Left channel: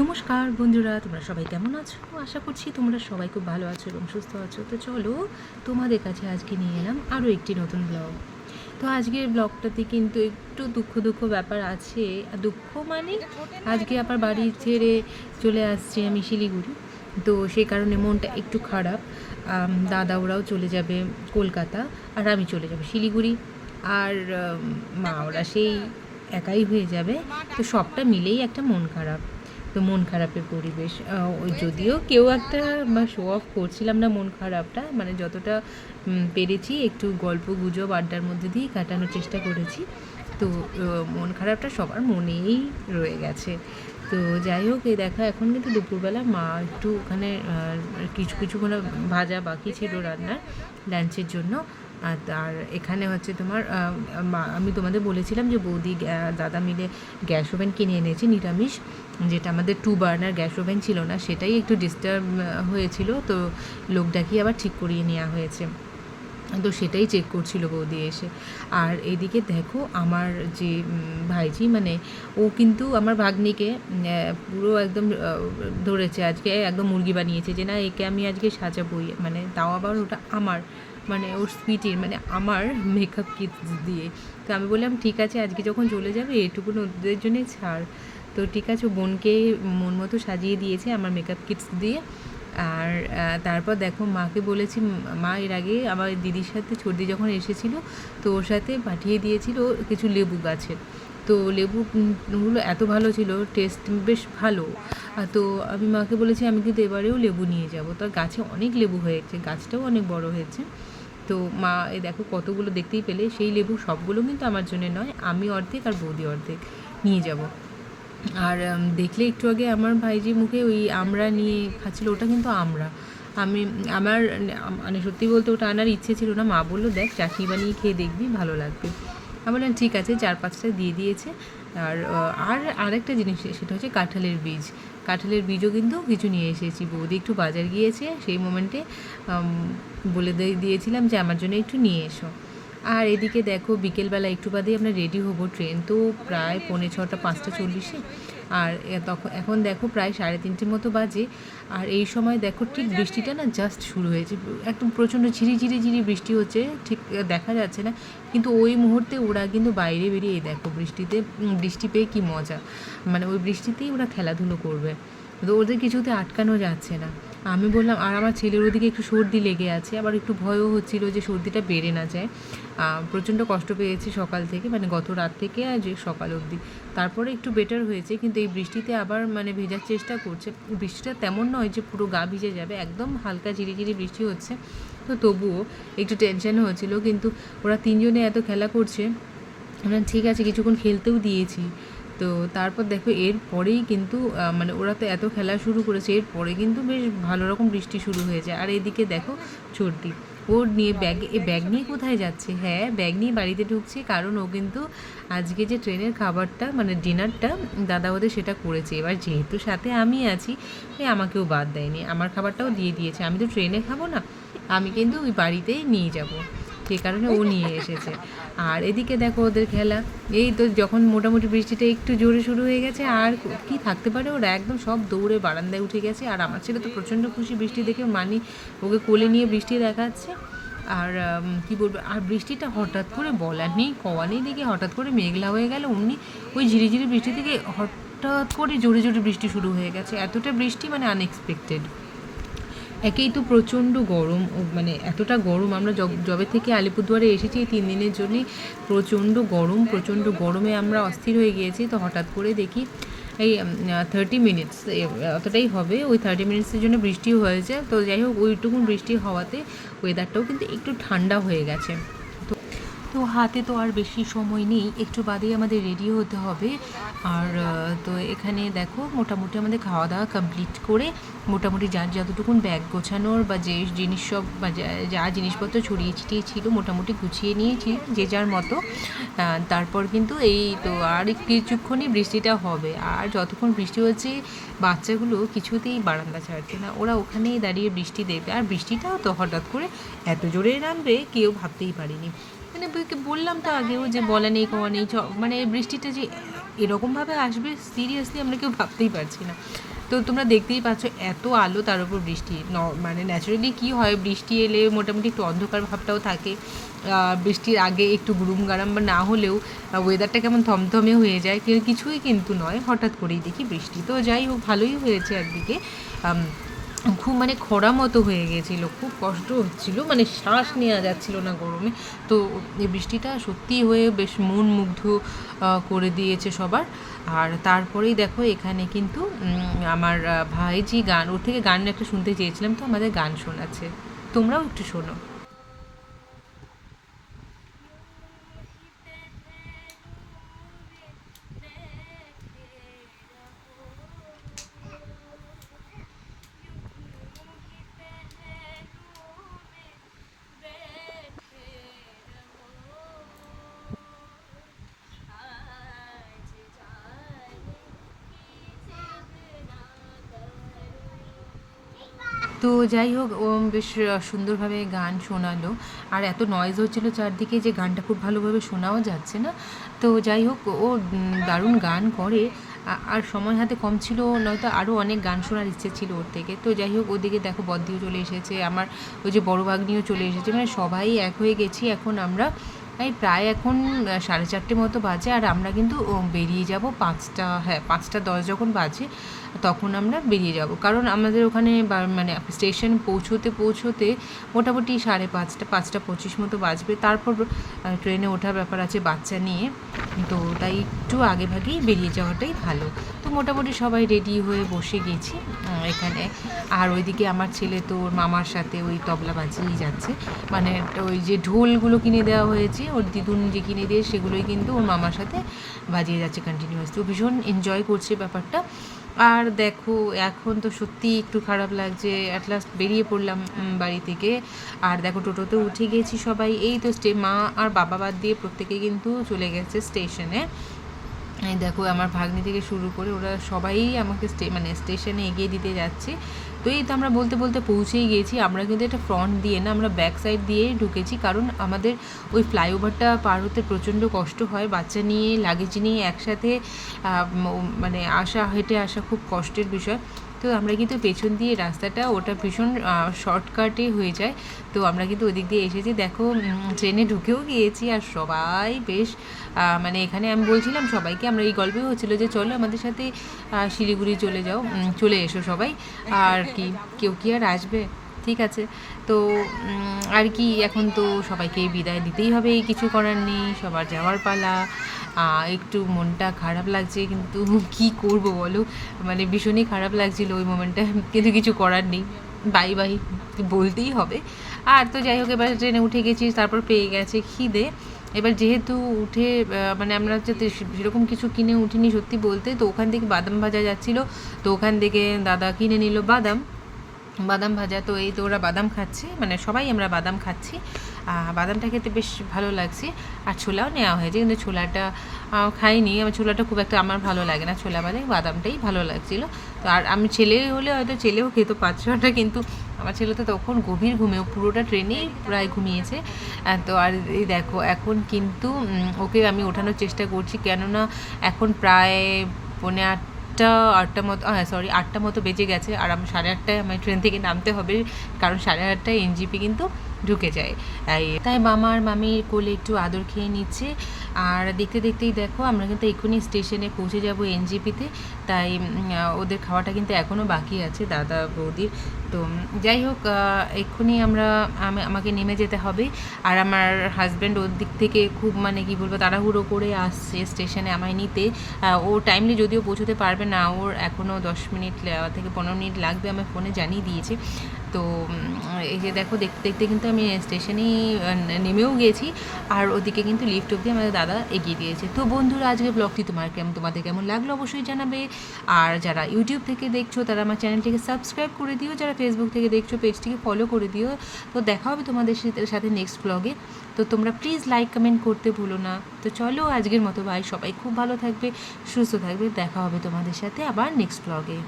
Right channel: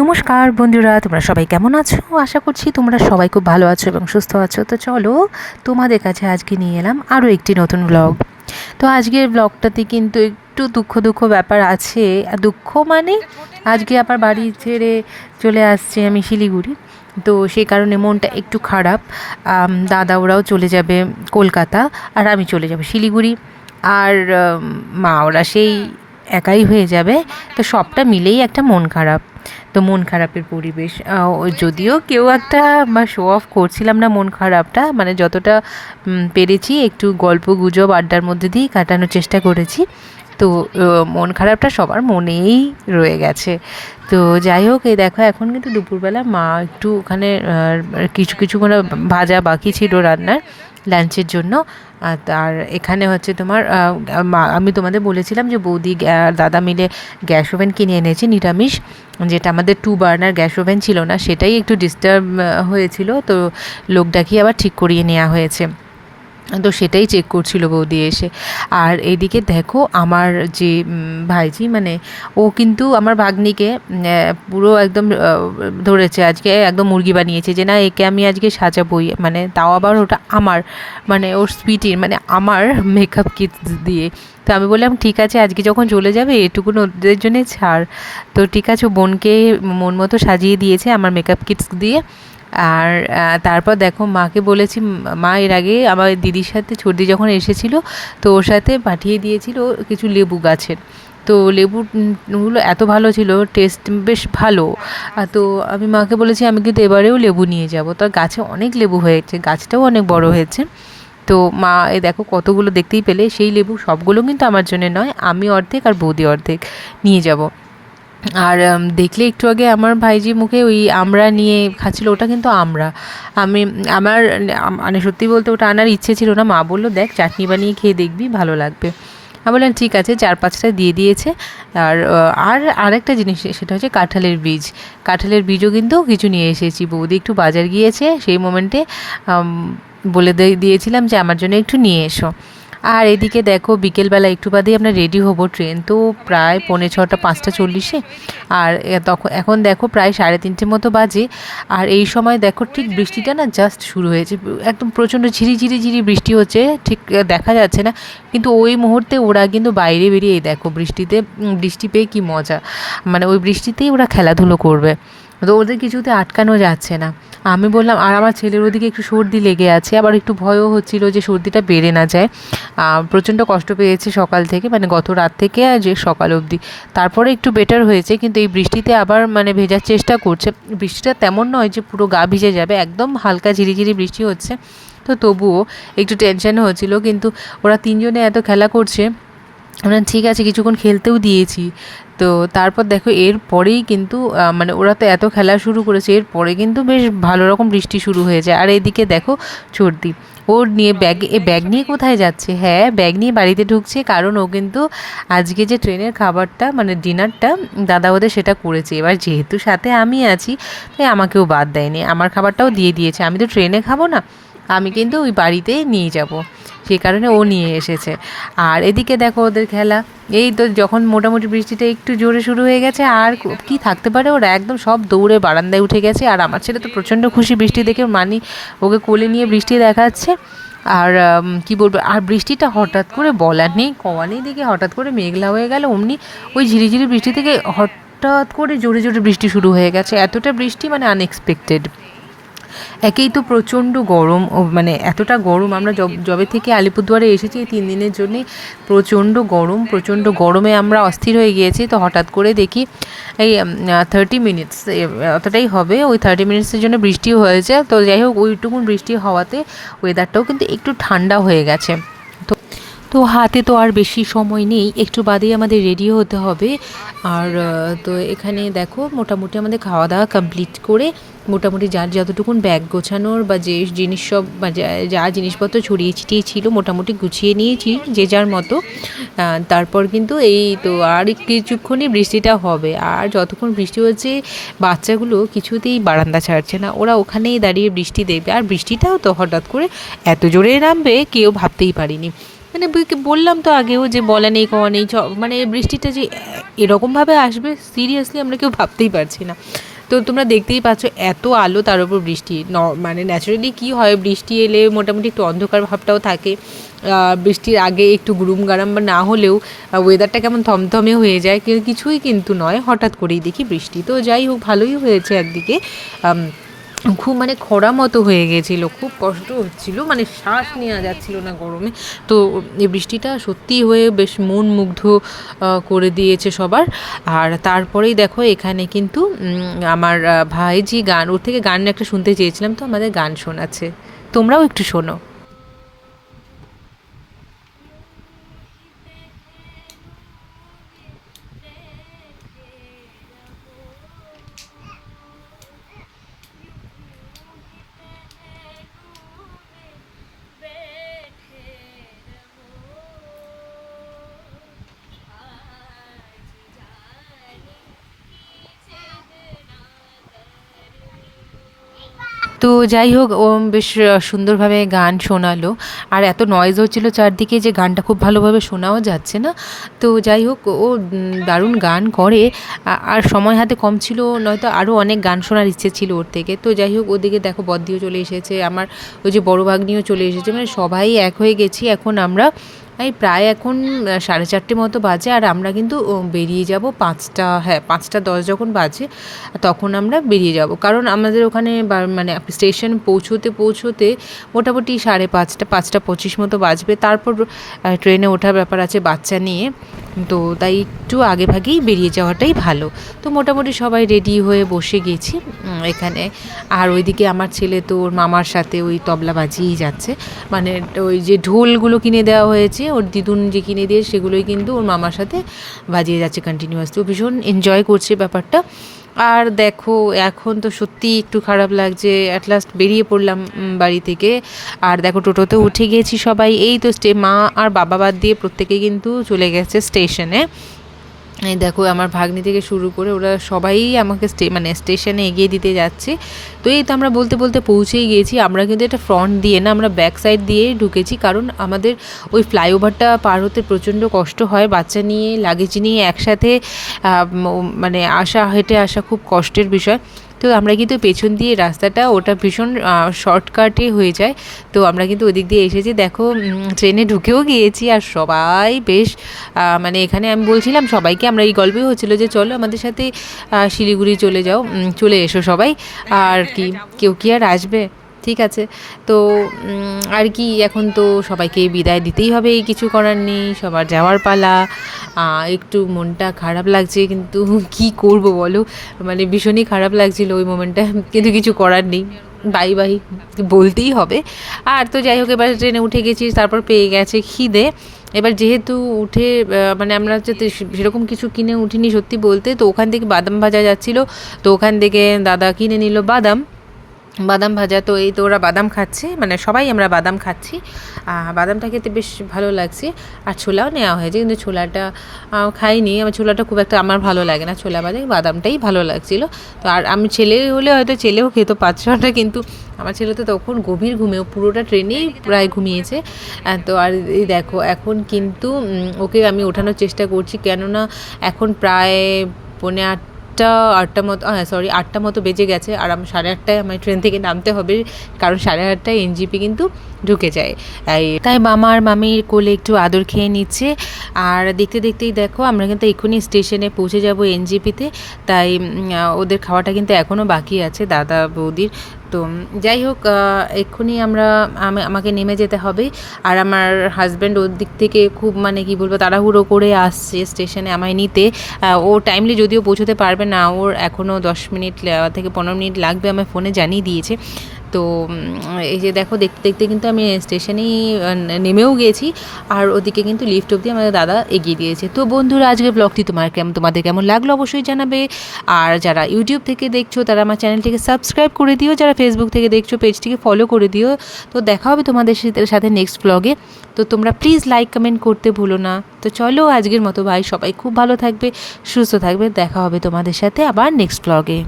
নমস্কার বন্ধুরা, তোমরা সবাই কেমন আছো? আশা করছি তোমরা সবাই খুব ভালো আছো এবং সুস্থ আছো। তো চলো, তোমাদের কাছে আজকে নিয়ে এলাম আরও একটি নতুন ব্লগ। তো আজকের ব্লগটাতে কিন্তু একটু দুঃখ দুঃখ ব্যাপার আছে। আর দুঃখ মানে আজকে আবার বাড়ি ছেড়ে চলে আসছি আমি শিলিগুড়ি। তো সেই কারণে মনটা একটু খারাপ। দাদা ওরাও চলে যাবে কলকাতা, আর আমি চলে যাব শিলিগুড়ি। আর মা ওরা সেই একাই হয়ে যাবে। তো সবটা মিলেই একটা মন খারাপ। তো মন খারাপের পরিবেশ, যদিও কেউ একটা শো অফ করছিলাম না মন খারাপটা, মানে যতটা পেরেছি একটু গল্প গুজব আড্ডার মধ্যে দিয়েই কাটানোর চেষ্টা করেছি। তো মন খারাপটা সবার মনেই রয়ে গেছে। তো যাই হোক, এই দেখো এখন কিন্তু দুপুরবেলা মা একটু ওখানে কিছু কিছু করে ভাজা বাকি ছিল রান্নার লাঞ্চের জন্য। আর এখানে হচ্ছে তোমার আমি তোমাদের বলেছিলাম যে বৌদি আর দাদা মিলে গ্যাস ওভেন কিনে এনেছে নিরামিষ, যেটা আমাদের 2 বার্নার গ্যাস ওভেন ছিল না, সেটাই একটু ডিস্টার্ব হয়েছিল। তো লোক ডাকিয়ে আবার ঠিক করিয়ে নেওয়া হয়েছে। তো সেটাই চেক করছিল বৌদি এসে। আর এদিকে দেখো আমার যে ভাইজি, মানে ও কিন্তু আমার ভাগ্নিকে পুরো একদম ধরেছে, আজকে একদম মুরগি বানিয়েছে যে না একে আমি আজকে সাজাবই, মানে তাও আবার ওটা আমার, মানে ওর স্পিটির মানে আমার মেকআপ কিটস দিয়ে। তো আমি বললাম ঠিক আছে, আজকে যখন চলে যাবে এটুকুন ওদের জন্যে ছাড়। তো ঠিক আছে, বোনকে মন মতো সাজিয়ে দিয়েছে আমার মেকআপ কিটস দিয়ে। আর তারপর দেখো মাকে বলেছি, মা এর আগে আমার দিদির সাথে ছর্দি যখন এসেছিল তো ওর সাথে পাঠিয়ে দিয়েছিল কিছু লেবু গাছের। তো লেবুগুলো এত ভালো ছিল, টেস্ট বেশ ভালো। তো আমি মাকে বলেছি আমি কিন্তু এবারেও লেবু নিয়ে যাব। তো গাছে অনেক লেবু হয়েছে, গাছটাও অনেক বড় হয়েছে। তো মা এই দেখো কতগুলো দেখতেই পেলে, সেই লেবু সবগুলো কিন্তু আমার জন্য নয়, আমি অর্ধেক আর বৌদি অর্ধেক নিয়ে যাব। আর দেখলে একটু আগে আমার ভাইজি মুখে ওই আমড়া নিয়ে খাচ্ছিল, ওটা কিন্তু আমড়া। আমি আমার মানে সত্যি বলতে ওটা আনার ইচ্ছে ছিল না, মা বললো দেখ চাটনি বানিয়ে খেয়ে দেখবি ভালো লাগবে। আমি বললাম ঠিক আছে, 4-5টা দিয়ে দিয়েছে। আর আরেকটা জিনিস সেটা হচ্ছে কাঁঠালের বীজ। কাঁঠালের বীজও কিন্তু কিছু নিয়ে এসেছি, বৌদি একটু বাজার গিয়েছে সেই মোমেন্টে বলে দিয়েছিলাম যে আমার জন্য একটু নিয়ে এসো। আর এদিকে দেখো বিকেলবেলা একটু বাদেই আমরা রেডি হব, ট্রেন তো প্রায় 4:45 5:40। আর এখন দেখো প্রায় 3:30 মতো বাজে। আর এই সময় দেখো ঠিক বৃষ্টিটা না জাস্ট শুরু হয়েছে, একদম প্রচণ্ড ঝিরি বৃষ্টি হচ্ছে, ঠিক দেখা যাচ্ছে না, কিন্তু ওই মুহূর্তে ওরা কিন্তু বাইরে বেরিয়ে এই দেখো বৃষ্টি পেয়ে কি মজা, মানে ওই বৃষ্টিতেই ওরা খেলাধুলো করবে। তো ওদের কিছুতে আটকানো যাচ্ছে না। আমি বললাম, আর আমার ছেলের ওদিকে একটু সর্দি লেগে আছে, আবার একটু ভয়ও হচ্ছিল যে সর্দিটা বেড়ে না যায়। প্রচণ্ড কষ্ট পেয়েছে সকাল থেকে, মানে গত রাত থেকে আর যে সকাল অবধি। তারপরে একটু বেটার হয়েছে, কিন্তু এই বৃষ্টিতে আবার মানে ভেজার চেষ্টা করছে। বৃষ্টিটা তেমন নয় যে পুরো গা ভিজে যাবে, একদম হালকা ঝিরিঝিরি বৃষ্টি হচ্ছে। তো তবুও একটু টেনশন হচ্ছিল, কিন্তু ওরা তিনজনে এত খেলা করছে, আমরা ঠিক আছে কিছুক্ষণ খেলতেও দিয়েছি। তো তারপর দেখো এর পরেই কিন্তু মানে ওরা তো এত খেলা শুরু করেছে, এরপরে কিন্তু বেশ ভালো রকম বৃষ্টি শুরু হয়ে যায়। আর এইদিকে দেখো সর্দি, ওর নিয়ে ব্যাগ নিয়ে কোথায় যাচ্ছে? হ্যাঁ, ব্যাগ নিয়ে বাড়িতে ঢুকছে, কারণ ও কিন্তু আজকে যে ট্রেনের খাবারটা মানে ডিনারটা দাদা ওদের সেটা করেছে। এবার যেহেতু সাথে আমি আছি তাই আমাকেও বাদ দেয়নি, আমার খাবারটাও দিয়ে দিয়েছে। আমি তো ট্রেনে খাবো না, আমি কিন্তু ওই বাড়িতে নিয়ে যাব, সেই কারণে ও নিয়ে এসেছে। আর এদিকে দেখো ওদের খেলা, এই তো যখন মোটামুটি বৃষ্টিটা একটু জোরে শুরু হয়ে গেছে, আর কি থাকতে পারে, ওরা একদম সব দৌড়ে বারান্দায় উঠে গেছে। আর আমার ছেলে তো প্রচণ্ড খুশি বৃষ্টি দেখে, ওকে কোলে নিয়ে বৃষ্টি দেখাচ্ছে। আর কি বলবো, আর বৃষ্টিটা হঠাৎ করে বলার নেই কওয়া নেই, দিকে হঠাৎ করে মেঘলা হয়ে গেল, অমনি ওই ঝিরিঝিরি বৃষ্টি থেকে হঠাৎ করে জোরে বৃষ্টি শুরু হয়ে গেছে। এতটা বৃষ্টি মানে আনএক্সপেক্টেড। একেই তো প্রচণ্ড গরম, মানে এতটা গরম, আমরা যবে থেকে আলিপুরদুয়ারে এসেছি এই 3 দিনের জন্যে প্রচণ্ড গরম, প্রচণ্ড গরমে আমরা অস্থির হয়ে গিয়েছি। তো হঠাৎ করে দেখি এই 30 মিনিটস অতটাই হবে, ওই 30 মিনিটসের জন্য বৃষ্টি হয়েছে। তো যাই হোক, ওইটুকুন বৃষ্টি হওয়াতে ওয়েদারটাও কিন্তু একটু ঠান্ডা হয়ে গেছে। তো হাতে তো আর বেশি সময় নেই, একটু বাদেই আমাদের রেডি হতে হবে। আর তো এখানে দেখো মোটামুটি আমাদের খাওয়া দাওয়া কমপ্লিট করে মোটামুটি যার যতটুকুন ব্যাগ গোছানোর বা যে জিনিস সব বা যা জিনিসপত্র ছড়িয়ে ছিটিয়ে ছিল মোটামুটি গুছিয়ে নিয়েছি যে যার মতো। তারপর কিন্তু এই তো আর কিছুক্ষণই বৃষ্টিটা হবে, আর যতক্ষণ বৃষ্টি হচ্ছে বাচ্চাগুলো কিছুতেই বারান্দা ছাড়ছে না, ওরা ওখানেই দাঁড়িয়ে বৃষ্টি দেখবে। আর বৃষ্টিটাও তো হঠাৎ করে এত জোরে নামবে কেউ ভাবতেই পারিনি, মানে বললাম তো আগেও যে বলা নেই কওয়া নেই, মানে বৃষ্টিটা যে এরকমভাবে আসবে সিরিয়াসলি আমরা কেউ ভাবতেই পারছি না। তো তোমরা দেখতেই পাচ্ছ এত আলো, তার উপর বৃষ্টি। মানে ন্যাচারালি কী হয়, বৃষ্টি এলে মোটামুটি একটু অন্ধকার ভাবটাও থাকে, বৃষ্টির আগে একটু গুরুম গারাম বা না হলেও ওয়েদারটা কেমন থমথমে হয়ে যায়, কিছুই কিন্তু নয়, হঠাৎ করেই দেখি বৃষ্টি। তো যাই হোক, ভালোই হয়েছে একদিকে। খুব মানে খরা মতো হয়ে গেছিলো, খুব কষ্ট হচ্ছিলো, মানে শ্বাস নেওয়া যাচ্ছিলো না গরমে। তো এই বৃষ্টিটা সত্যিই হয়ে বেশ মন মুগ্ধ করে দিয়েছে সবার। আর তারপরেই দেখো এখানে কিন্তু আমার ভাইজি গান, ওর থেকে গান একটা শুনতে চেয়েছিলাম, তো আমাদের গান শোনাচ্ছে, তোমরাও একটু শোনো। তো যাই হোক, ও বেশ সুন্দরভাবে গান শোনালো। আর এত নয়েজ হচ্ছিলো চারদিকে যে গানটা খুব ভালোভাবে শোনাও যাচ্ছে না। তো যাই হোক, ও দারুণ গান করে। আর সময় হাতে কম ছিল, নয়তো আরও অনেক গান শোনার ইচ্ছে ছিল ওর থেকে। তো যাই হোক, ওদিকে দেখো বদ্দিও চলে এসেছে, আমার ওই যে বড় ভাগ্নিও চলে এসেছে, মানে সবাই এক হয়ে গেছি এখন আমরা। এই প্রায় এখন 4:30 মতো বাজে, আর আমরা কিন্তু বেরিয়ে যাব 5টা, হ্যাঁ 5:10 যখন বাজে তখন আমরা বেরিয়ে যাব, কারণ আমাদের ওখানে মানে স্টেশন পৌঁছোতে মোটামুটি 5:30, 5:25 মতো বাজবে। তারপর ট্রেনে ওঠার ব্যাপার আছে বাচ্চা নিয়ে, তো তাই একটু আগে ভাগেই বেরিয়ে যাওয়াটাই ভালো। তো মোটামুটি সবাই রেডি হয়ে বসে গেছি এখানে। আর ওইদিকে আমার ছেলে তো ওর মামার সাথে ওই তবলা বাজিয়েই যাচ্ছে, মানে ওই যে ঢোলগুলো কিনে দেওয়া হয়েছে ওর দিদুন যে কিনে দিয়ে, সেগুলোই কিন্তু ওর মামার সাথে বাজিয়ে যাচ্ছে কন্টিনিউয়াসলি। ও ভীষণ এনজয় করছে ব্যাপারটা। আর দেখো এখন তো সত্যি একটু খারাপ লাগছে, অ্যাট লাস্ট বেরিয়ে পড়লাম বাড়ি থেকে। আর দেখো টোটোতে উঠে গিয়েছি সবাই, এই তো মা আর বাবা বাদ দিয়ে প্রত্যেকেই কিন্তু চলে গেছে স্টেশনে। এই দেখো আমার ভাগ্নি থেকে শুরু করে ওরা সবাই আমাকে মানে স্টেশনে এগিয়ে দিতে যাচ্ছে। তো এই তো আমরা বলতে বলতে পৌঁছেই গিয়েছি। আমরা কিন্তু এটা ফ্রন্ট দিয়ে না, আমরা ব্যাক সাইড দিয়েই ঢুকেছি, কারণ আমাদের ওই ফ্লাইওভারটা পার হতে প্রচণ্ড কষ্ট হয়, বাচ্চা নিয়ে লাগেজ নিয়ে একসাথে মানে হেঁটে আসা খুব কষ্টের বিষয়। তো আমরা কিন্তু পেছন দিয়ে রাস্তাটা ওটা ভীষণ শর্টকাটে হয়ে যায়। তো আমরা কিন্তু ওদিক দিয়ে এসেছি, দেখো ট্রেনে ঢুকেও গিয়েছি। আর সবাই বেশ মানে এখানে আমি বলছিলাম সবাইকে, আমরা এই গল্পই হচ্ছিলো যে চলো আমাদের সাথে শিলিগুড়ি চলে এসো সবাই, আর কি কেউ কি আর আসবে, ঠিক আছে। তো আর কি এখন তো সবাইকে বিদায় দিতেই হবে, এই কিছু করার নেই, সবার যাওয়ার পালা। একটু মনটা খারাপ লাগছে, কিন্তু কি করব বলো, মানে ভীষণই খারাপ লাগছিল ওই মোমেন্টটা, কিন্তু কিছু করার নেই, বাই বাই বলতেই হবে। আর তো যাই হোক, এবার ট্রেনে উঠে গেছি, তারপর পেয়ে গেছে খিদে। এবার যেহেতু উঠে মানে আমরা যাতে সেরকম কিছু কিনে উঠিনি সত্যি বলতে, তো ওখান থেকে বাদাম ভাজা যাচ্ছিলো, তো ওখান থেকে দাদা কিনে নিল বাদাম ভাজা। তো এই তো ওরা বাদাম খাচ্ছে, মানে সবাই আমরা বাদাম খাচ্ছি, বাদামটা খেতে বেশ ভালো লাগছে। আর ছোলাও নেওয়া হয়েছে, কিন্তু ছোলাটা খাইনি, আমার ছোলাটা খুব একটা আমার ভালো লাগে না, ছোলা বাদামটাই ভালো লাগছিলো। তো আর আমি ছেলে হলে হয়তো ছেলেও খেতো 5-6টা, কিন্তু আমার ছেলে তো তখন গভীর ঘুমেও পুরোটা ট্রেনেই প্রায় ঘুমিয়েছে। তো আর এই দেখো এখন কিন্তু ওকে আমি ওঠানোর চেষ্টা করছি, কেননা এখন প্রায় 8:30 মতো, হ্যাঁ সরি 8টা মতো বেজে গেছে। আর আমি 8:30টায় আমার ট্রেন থেকে নামতে হবে, কারণ 8:30টায় এনজিপি কিন্তু ঢুকে যায়। তাই মামা আর মামির কোলে একটু আদর খেয়ে নিচ্ছে। আর দেখতে দেখতেই দেখো আমরা কিন্তু এক্ষুনি স্টেশনে পৌঁছে যাব এনজিপিতে। তাই ওদের খাওয়াটা কিন্তু এখনও বাকি আছে, দাদা বৌদির। তো যাই হোক, এক্ষুনি আমাকে নেমে যেতে হবে। আর আমার হাজব্যান্ড ওর দিক থেকে খুব মানে কি বলবো তাড়াহুড়ো করে আসছে স্টেশনে আমায় নিতে। ও টাইমলি যদিও পৌঁছতে পারবে না, ওর এখনও 10 মিনিট থেকে 15 মিনিট লাগবে, আমায় ফোনে জানিয়ে দিয়েছে। তো এই যে দেখো দেখতে দেখতে কিন্তু আমি স্টেশনেই নেমেও গিয়েছি, আর ওদিকে কিন্তু লিফট অবধি আমাদের দাদা এগিয়ে দিয়েছে। তো বন্ধুরা, আজকের ব্লগটি তোমাদের কেমন লাগলো অবশ্যই জানাবে। আর যারা ইউটিউব থেকে দেখছো তারা আমার চ্যানেলটিকে সাবস্ক্রাইব করে দিও, যারা ফেসবুক থেকে দেখছো পেজটিকে ফলো করে দিও। তো দেখা হবে তোমাদের সাথে নেক্সট ব্লগে। তো তোমরা প্লিজ লাইক কমেন্ট করতে ভুলো না। তো চলো আজকের মতো বাই, সবাই খুব ভালো থাকবে, সুস্থ থাকবে, দেখা হবে তোমাদের সাথে আবার নেক্সট ব্লগে।